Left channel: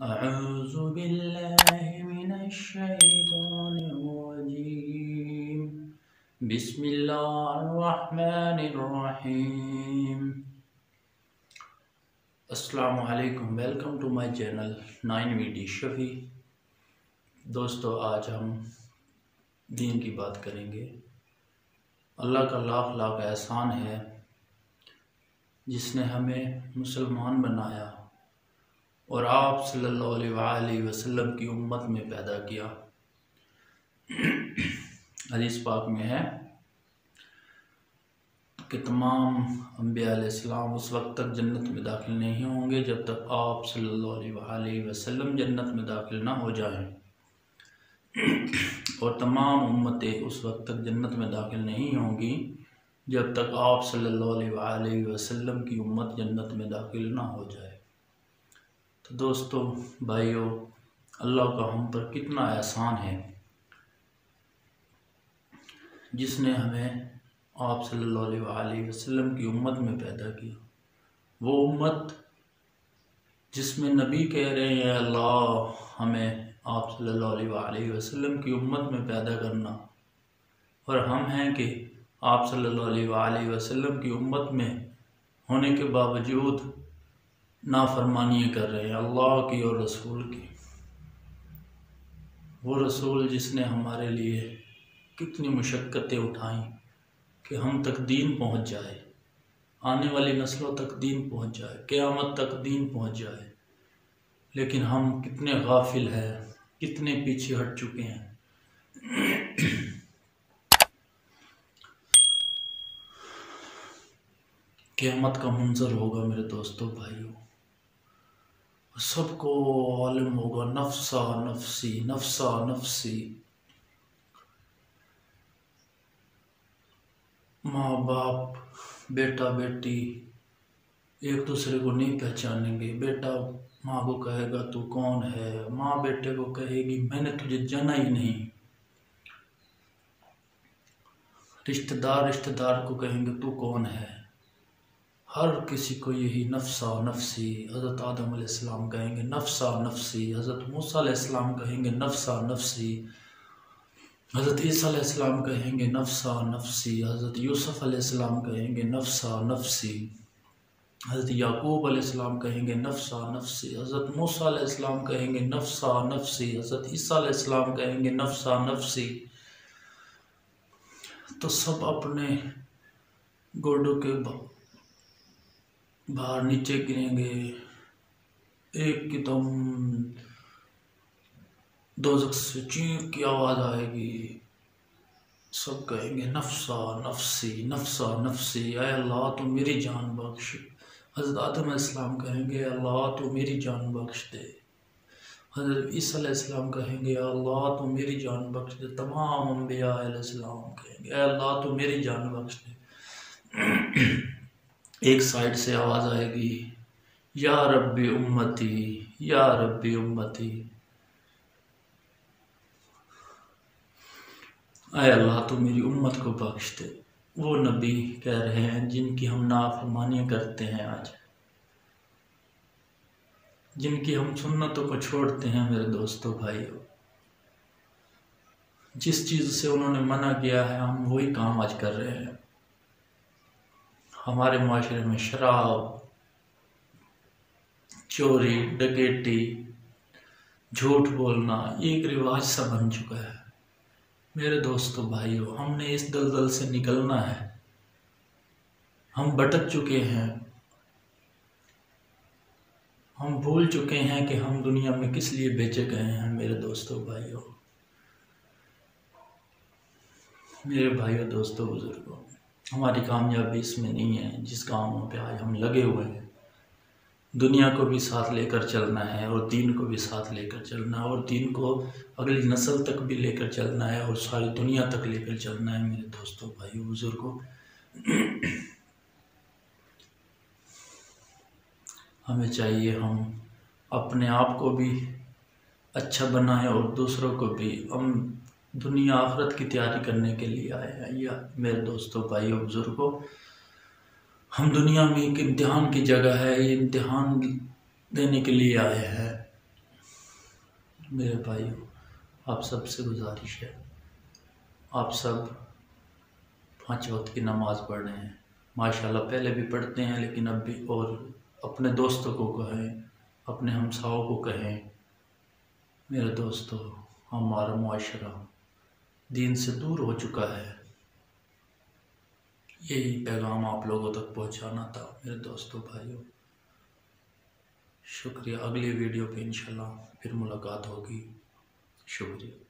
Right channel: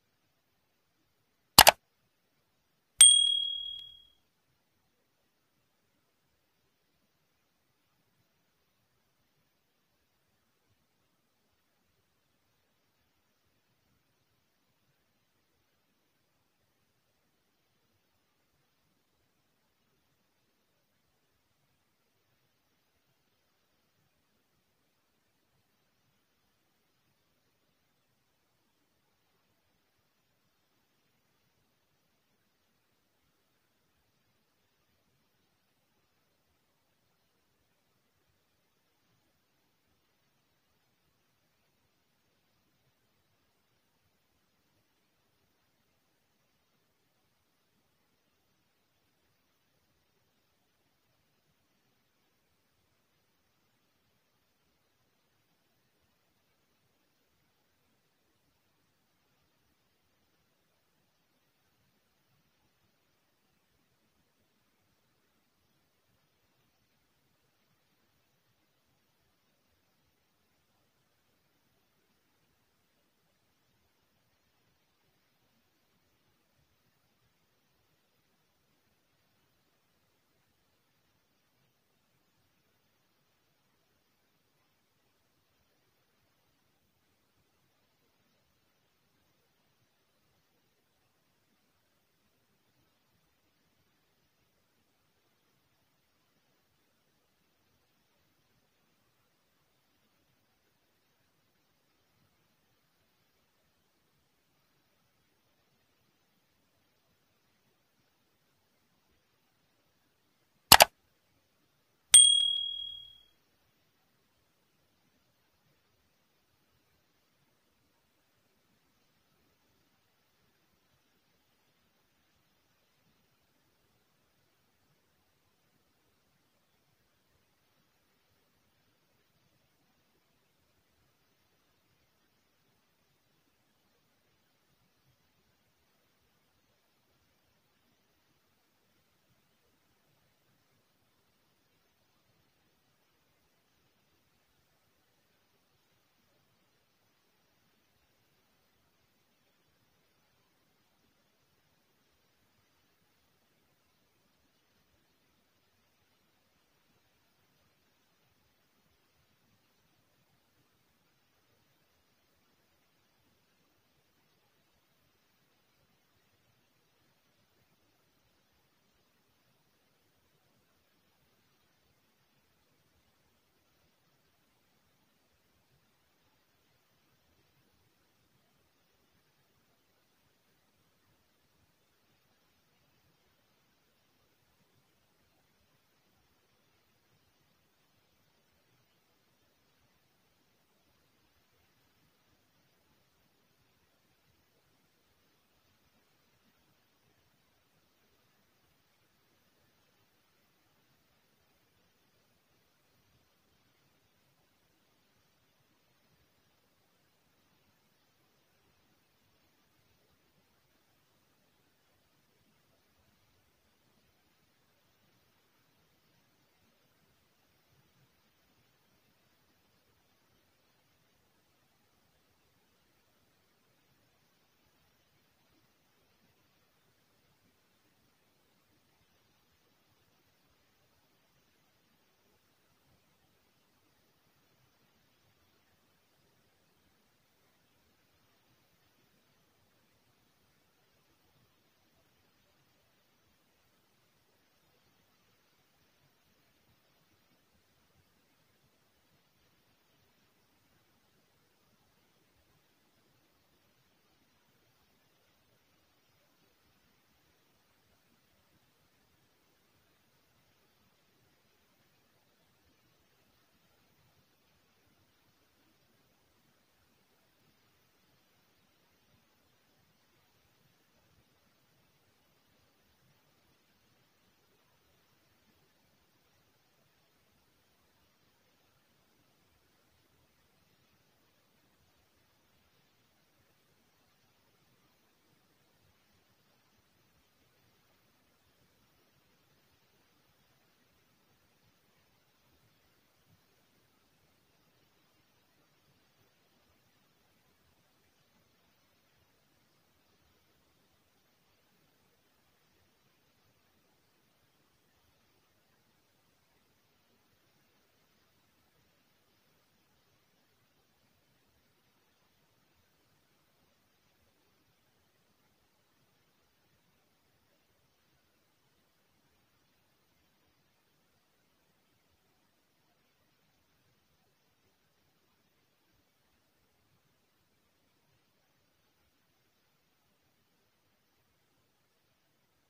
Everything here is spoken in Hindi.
अऊज़ु बिल्लाहि मिनश्शैतानिर्रजीम। बिस्मिल्लाहिर्रहमानिर्रहीम। अस्सलामु अलैकुम। Welcome to my channel 9VD Shafi. दोस्तों, आज हम दीन की बात करेंगे। अल्लाह का लाख लाख एहसान है जिसने हमें मुसलमान बनाया और आप सल्लल्लाहु अलैहि वसल्लम की उम्मत में पैदा किया। हदीस पाक में है कि तमाम अंबिया अलैहिस्सलाम उस वक्त तक जन्नत में दाखिल नहीं होंगे जब तक आप सल्लल्लाहु अलैहि वसल्लम जन्नत में दाखिल ना हो जाएं, और तमाम उम्मतें उस वक्त तक जन्नत में दाखिल नहीं होंगी जब तक आप सल्लल्लाहु अलैहि वसल्लम की उम्मत जन्नत में दाखिल ना हो जाए। तो दोस्तों, भाइयों, अल्लाह का हम पर कितना एहसान है जिसने हमें आप सल्लल्लाहु अलैहि वसल्लम की उम्मत में पैदा किया। वो उम्मत जिसमें नबी कह रहे हैं अल्लाह हमें आप सल्लल्लाहु अलैहि वसल्लम की उम्मत में पैदा करना, और हम हैं कि आप सल्लल्लाहु अलैहि वसल्लम की उम्मत में होने के बावजूद नाफरमानियाँ कर रहे हैं अल्लाह की और रसूल की। वो रसूल जिसने हमारे लिए कितनी मुशक्क़तें उठाई कि हम तक दीन पहुँच जाए, आने वाली नस्लों तक दीन पहुँच जाए, क़यामत तक दीन पहुँच जाए, लेकिन हम कितने गाफिल हैं, कितने पीछे हट चुके हैं। क़यामत का मंजर होगा मेरे दोस्तों, भाइयों, सबको मालूम होगा नफ्सा नफ्सी नफ्सा नफ्सी। माँ बाप, बेटा बेटी एक दूसरे को नहीं पहचानेंगे। बेटा माँ को कहेगा तू कौन है, माँ बेटे को कहेगी मैंने तुझे जाना ही नहीं। रिश्तेदार रिश्तेदार को कहेंगे तू कौन है। हर किसी को यही नफ्सा नफ्सी। हज़रत आदम अलैहिस्सलाम कहेंगे नफ्सा नफ्सी, हज़रत मूसा अलैहिस्सलाम कहेंगे नफ्सा नफ्सी, हज़रत ईसा अलैहिस्सलाम कहेंगे नफ्सा नफ्सी, हज़रत यूसुफ अलैहिस्सलाम कहेंगे नफ्सा नफ्सी, हज़रत याकूब अलैहिस्सलाम कहेंगे नफ्सा नफ्सी, हज़रत मूसा अलैहिस्सलाम कहेंगे नफ्सा नफ्सी, हज़रत ईसा अलैहिस्सलाम कहेंगे नफ्सा नफ्सी। तो सब अपने गोडों के बाहर नीचे गिरेंगे, एक एकदम दोज़ख से चीख की आवाज़ आएगी। सब कहेंगे नफ्सा नफ्सी नफ्सा नफ्सी, ऐ अल्लाह तो मेरी जान बख्श। हज़रत आदम अलैहिस्सलाम कहेंगे अल्लाह तो मेरी जान बख्श दे। हज़रत ईसा अलैहिस्सलाम कहेंगे अल्लाह तो मेरी जान बख्श दे। तमाम अंबिया अलैहिस्सलाम कहेंगे अल्लाह तो मेरी जान बख्श दे। एक साइड से आवाज़ आएगी या रब्बी उम्मती या रब्बी उम्मती, ऐ अल्लाह तो मेरी उम्मत को बख्श दे। वो नबी कह रहे हैं जिनकी हम नाफरमानियाँ करते हैं आज, जिनकी हम सुन्नतों को छोड़ते हैं। मेरे दोस्तों, भाइयों, जिस चीज़ से उन्होंने मना किया है हम वही काम आज कर रहे हैं। हमारे माशरे में शराब, चोरी, डकैती, झूठ बोलना ये एक रिवाज सा बन चुका है। मेरे दोस्तों, भाइयों, हमने इस दलदल से निकलना है। हम भटक चुके हैं, हम भूल चुके हैं कि हम दुनिया में किस लिए भेजे गए हैं। मेरे दोस्तों, भाइयों, मेरे भाइयों, दोस्तों, बुजुर्गों, हमारी कामयाबी इसमें नहीं है जिस कामों पे आज हम लगे हुए हैं। दुनिया को भी साथ लेकर चलना है और दीन को भी साथ लेकर चलना है, और दीन को अगली नस्ल तक भी लेकर चलना है और सारी दुनिया तक लेकर चलना है। मेरे दोस्तों, भाइयों, बुजुर्गों, हमें चाहिए हम अपने आप को भी अच्छा बनाएं और दूसरों को भी। हम दुनिया आखिरत की तैयारी करने के लिए आए हैं। या मेरे दोस्तों, भाइयों, बुजुर्गों, हम दुनिया में एक इम्तिहान की जगह है, ये इम्तिहान देने के लिए आए हैं। मेरे भाइयों, आप सबसे गुजारिश है, आप सब 5 वक्त की नमाज़ पढ़ रहे हैं माशाल्लाह। पहले भी पढ़ते हैं लेकिन अब भी, और अपने दोस्तों को कहें, अपने हमसाओं को कहें, मेरे दोस्तों हमारा मुआशरा दीन से दूर हो चुका है। यही पैगाम आप लोगों तक पहुंचाना था मेरे दोस्तों भाइयों। शुक्रिया। अगली वीडियो पे इंशाल्लाह फिर मुलाकात होगी। शुक्रिया।